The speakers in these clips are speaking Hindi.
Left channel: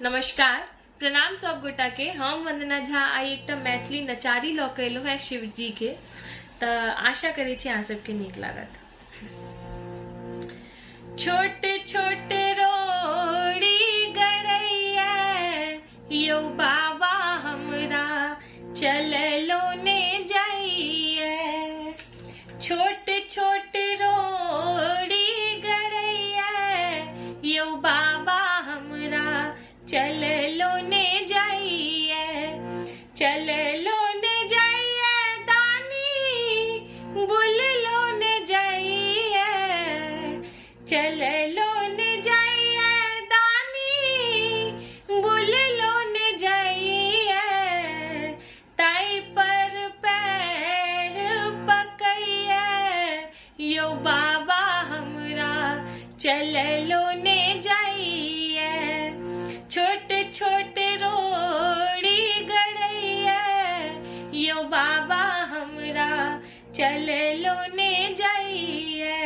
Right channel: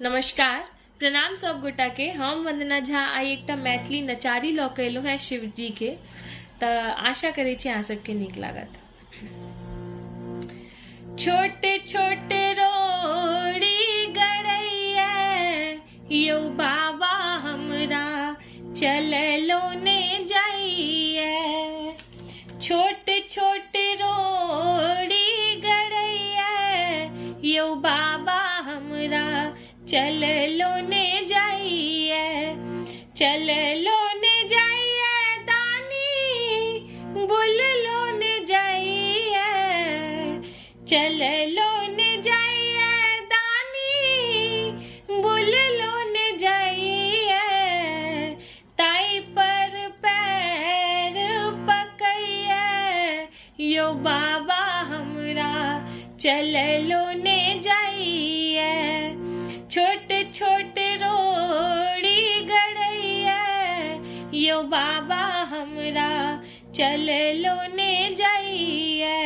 नमस्कार, प्रणाम सब गोटा के। हम वंदना झा आई एकटा मैथिली नचारी लऽ के एलहुँ हैं शिव जी के, तऽ आशा करै छी अहाँ सबके नीक लागत। छोटे छोटे रोड़ी गड़ैया यौ बाबा हमरा चललो ने जाइए। छोटे छोटे रोड़ी गड़ैया यौ बाबा हमरा चललो ने जाइए। चललो ने जाइए दानी बुललो ने जाइए। चललो ने जाइए दानी बुललो ने जाइए। ताई पर पैर पकैया यो बाबा हमरा चललो ने जाइए। छोटे छोटे रोड़ी गड़ैया यो बाबा हमरा चललो ने जाइए।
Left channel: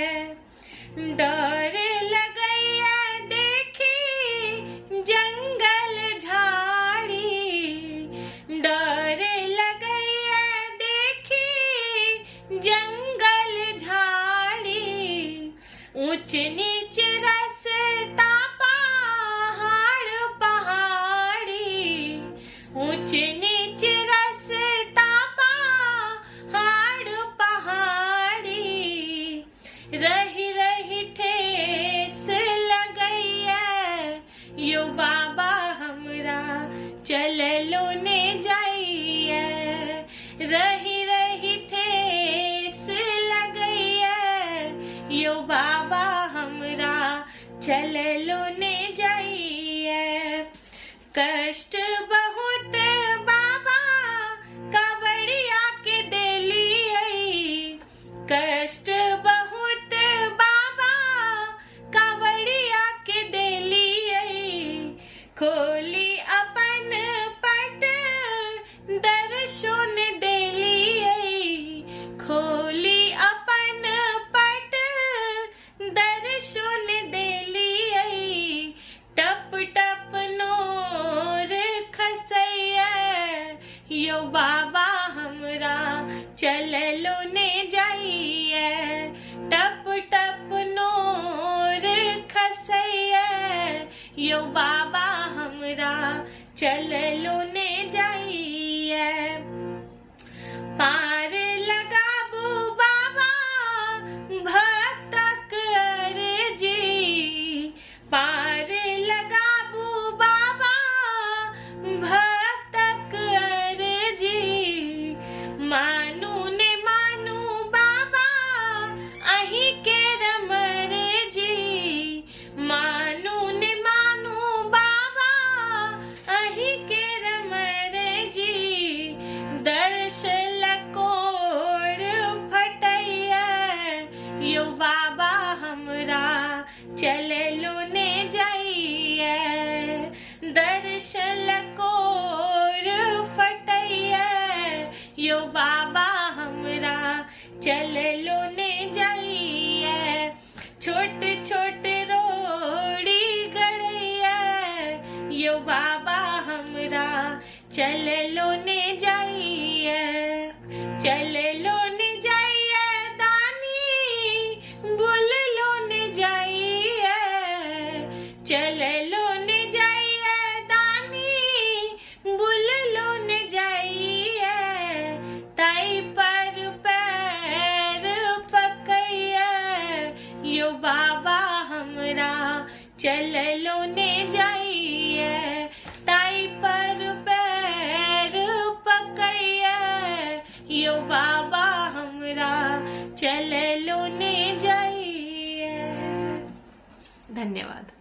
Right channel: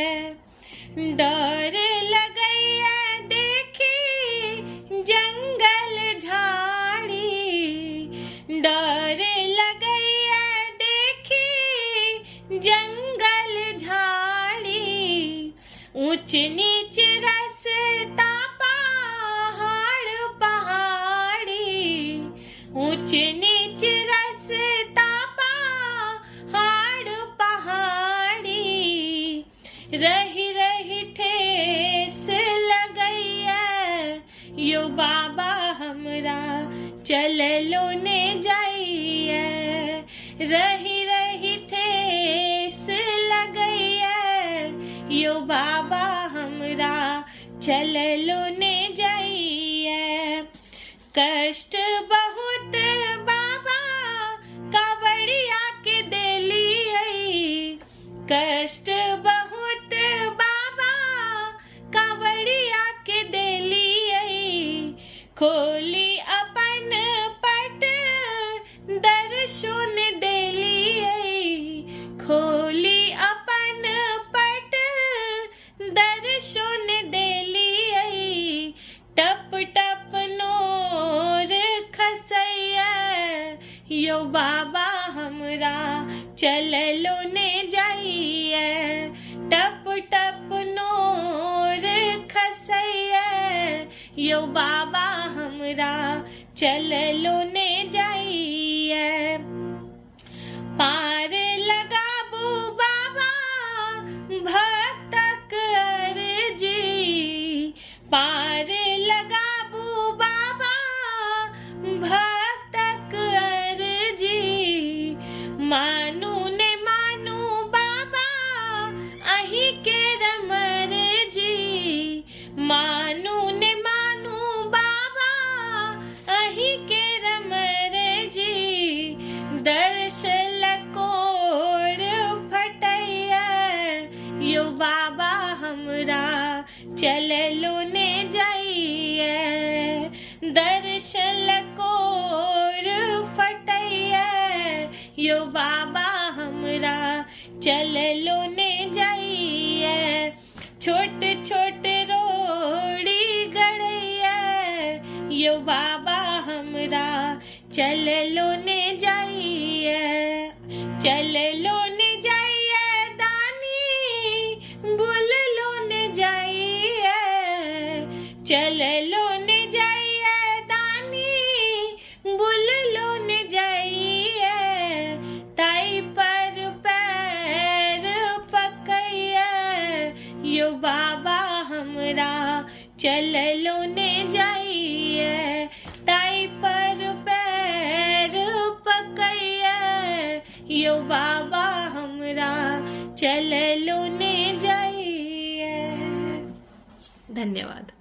डर लगैया देखी जंगल झाड़ी। डर लगैया देखी जंगल झाड़ी। ऊंच नीच रास्ता ऊंच नीच रास्ता पहाड़ पहाड़ी। रही रही ठेस लगैया यो बाबा हमरा चललो ने जाइए। रही रही ठेस लगैया यो बाबा हमरा चललो ने जाइए। कष्ट बहुत बाबा कावड़िया के देलिए। कष्ट बहुत बाबा कावड़िया के देलिए। खोली अपन पट दर्शन देलिए। खोली अपन पट दर्शन देलिए। टप टप नोर खसैया यो बाबा हमरा चललो ने जाइए। टप टप नोर खसैया यो बाबा हमरा चललो ने जाइए। पार लगाबू बाबा भक्तक अर्जी। पार लगाबू बाबा भक्तक अर्जी। मानू ने मानू बाबा अहीं के रमरजी। मानू ने मानू बाबा अहीं के रमरजी। दर्श लकोर फटैया यो बाबा हमरा चललो ने जाइए। दर्श लकोर फटैया यो बाबा हमरा चललो ने जाइए। छोटे छोटे रोड़ी गड़ैया यो बाबा हमरा चललो ने जाइए। चललो ने जाइए दानी बुललो ने जाइए। चललो ने जाइए दानी बुललो ने जाइए। ताई पर पैर पकैया यो बाबा हमरा चललो ने जाइए। ताई पर पैर पकैया यो बाबा हमरा चललो ने जाइए। धन्यवाद।